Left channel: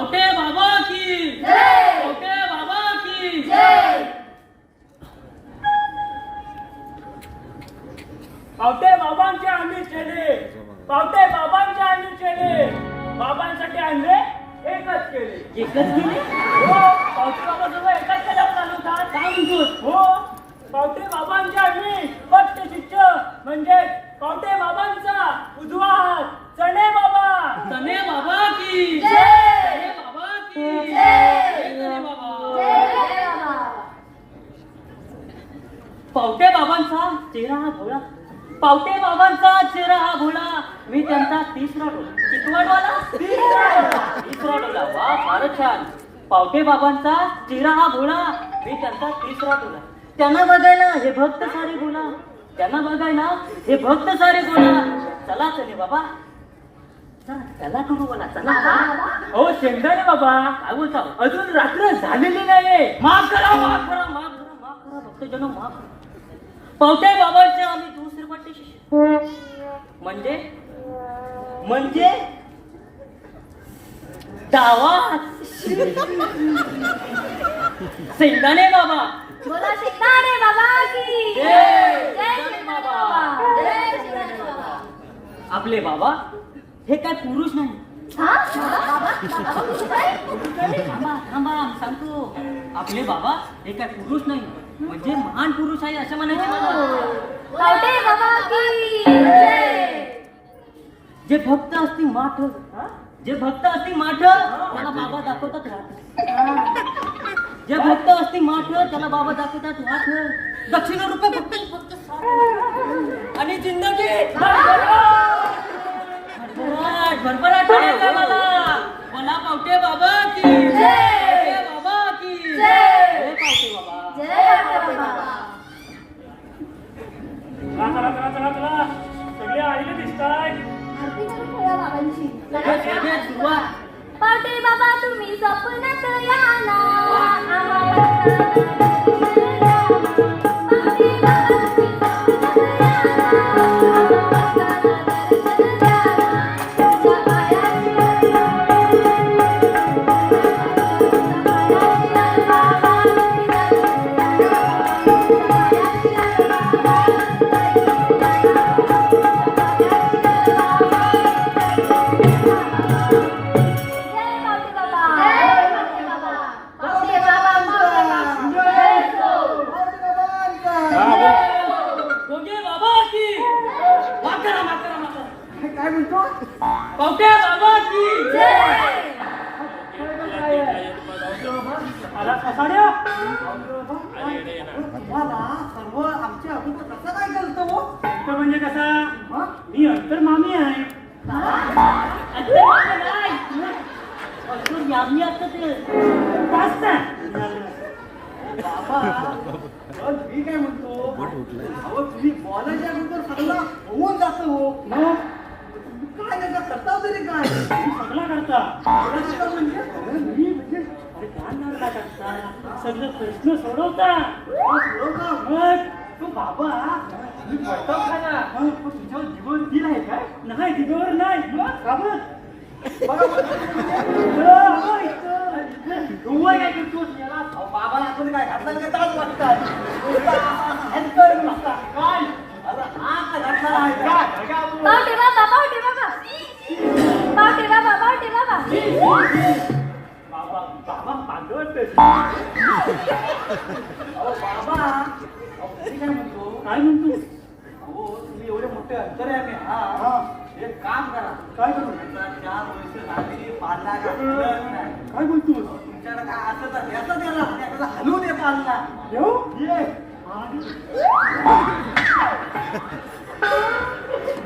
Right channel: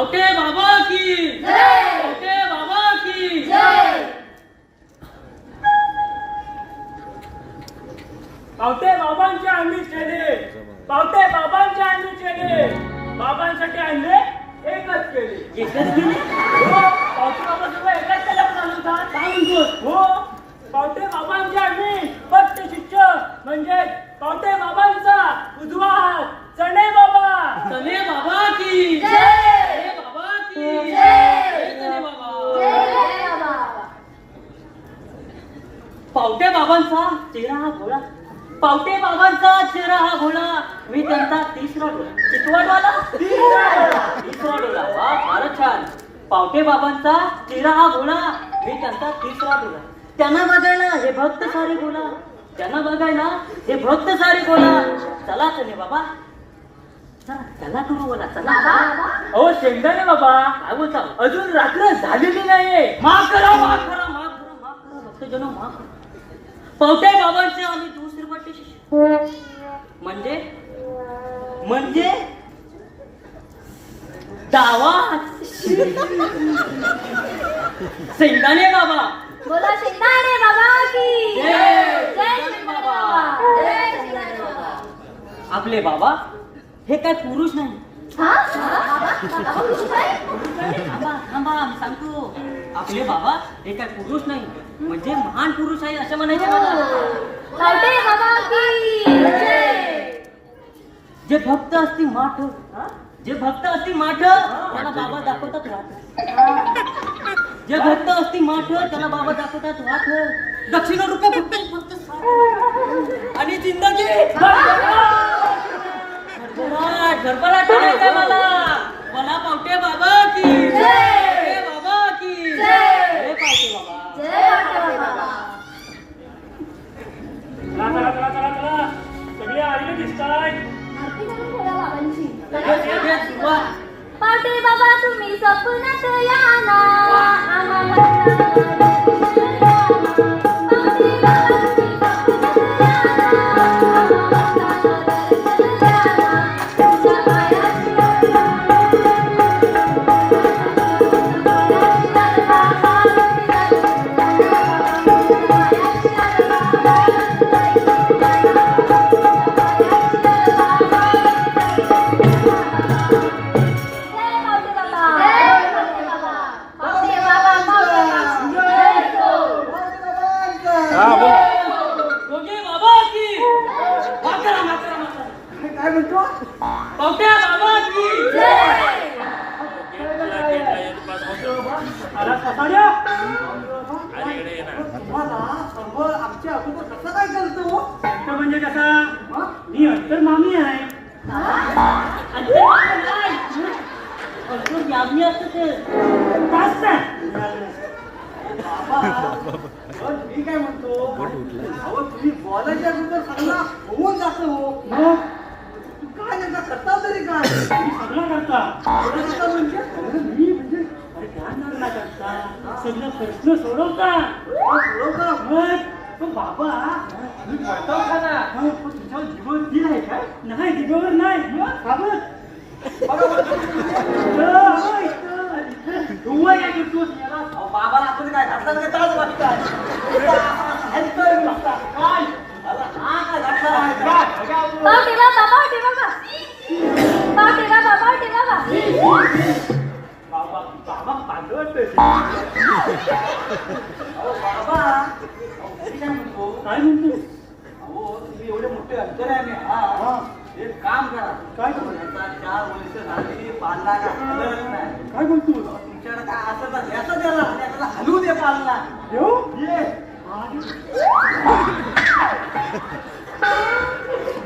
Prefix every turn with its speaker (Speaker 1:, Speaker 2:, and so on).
Speaker 1: पावटे बाबा की पावटे बाबा की पावटे
Speaker 2: बाबांचे आम्ही केले पावटे बाबांचे आम्ही केले बाबांसाठी आणले एकच केले.
Speaker 1: एकच गेले
Speaker 2: हो पावटे बाबा जेव्हा एकच केल्यावर चालवतात
Speaker 1: काय म्हणतोस?
Speaker 2: हो पावटे बाबांचे आम्ही भक्त शिष्य म्हणजे पावटे बाबांचा उजवा हात चणे बाबा
Speaker 1: चले बाबा की
Speaker 3: जय.
Speaker 1: चले बाबा की
Speaker 3: जय.
Speaker 1: जय चले बाबा पावटे बाबांचा चेहरा हा भोळा पावटे बाबांचा चेहरा हा भोळा मी त्यांचा तिसरा डोळा. चितवाडवाला तिसरा डोळा. वा फारच छान. पावटे बाबांचा चेहरा हा भोळा मी त्यांचा तिसरा डोळा. त्यांना बघायला हे भक्त सारे बोला त्यांना बघायला हे भक्त सारे बोला चला चले बाबा. चला चला बोला चला. हो
Speaker 2: हो शेंगदाणे बाबा.
Speaker 1: काय
Speaker 2: अजून रात्र झालेली नाहीये.
Speaker 1: माफ करा माफ करा माफ करा. माफ करा भक्तजन माफ करा. पावट्या बाबांचे आम्ही दुसरे वाटे शिष्य? म्हणजे? म्हणजे? डावा शेंगदाणे बाबा.
Speaker 3: बोला शेंगाडे बाबा की.
Speaker 1: जय.
Speaker 3: जय शेंगाडे बाबा. जय शेंगाडे बाबा.
Speaker 1: आपले बाबा हे काय पुरुष नाही? थांबा थांबा मी सांगतो आपले बाबा हे काय पुरुष नाही म्हणजे महान पुरुष आहे असं म्हणायचे मला जे भक्त असतील माठ जे भक्त असतील माठ त्याला बाबा दाखवतात वाट. जे भक्त असतील माठ त्याला बाबा दाखवतात वाट. दक्षिण रुपये फक्त आणि जिंदगी भरभराट करायचंय मला. मला पावटे बाबा की बाबा की. पावटे बाबा.
Speaker 2: चला चला चला चला सगळे आलेले दिसताय
Speaker 3: पावटे तुम्ही स्वप्नात या ना.
Speaker 1: पावट्या बाबा की
Speaker 3: जय
Speaker 2: आला कसाड्या
Speaker 4: आमच्या अगोदर कसं काय
Speaker 2: तर म्हणजे कसा मी अंतर मामी आहे
Speaker 1: याज्ञी असतं ते
Speaker 4: मी काय म्हणतो तुम्ही बोलायच्या अगोदर सगळं होऊन जातं हो
Speaker 2: सगळं प्रश्न सोडवता.
Speaker 4: सोडवता
Speaker 2: मग तो बाबा मी पळतो ना तुझ्यावर जीवन दिलाय का? नाही जीवावर नाही.
Speaker 3: बाबा. बाबा बाबा पांडवत बाबा
Speaker 4: काय म्हणतो हो तुम्ही एवढे मोठे अंतर आहे मी एक काम करा
Speaker 2: काय
Speaker 4: तुमचा चार वर्ष झाली पालना नाही
Speaker 2: काय म्हणतो
Speaker 4: तुमच्याकडे काय असं याचा द्याला त्याला
Speaker 2: हलवू दे पालना येऊ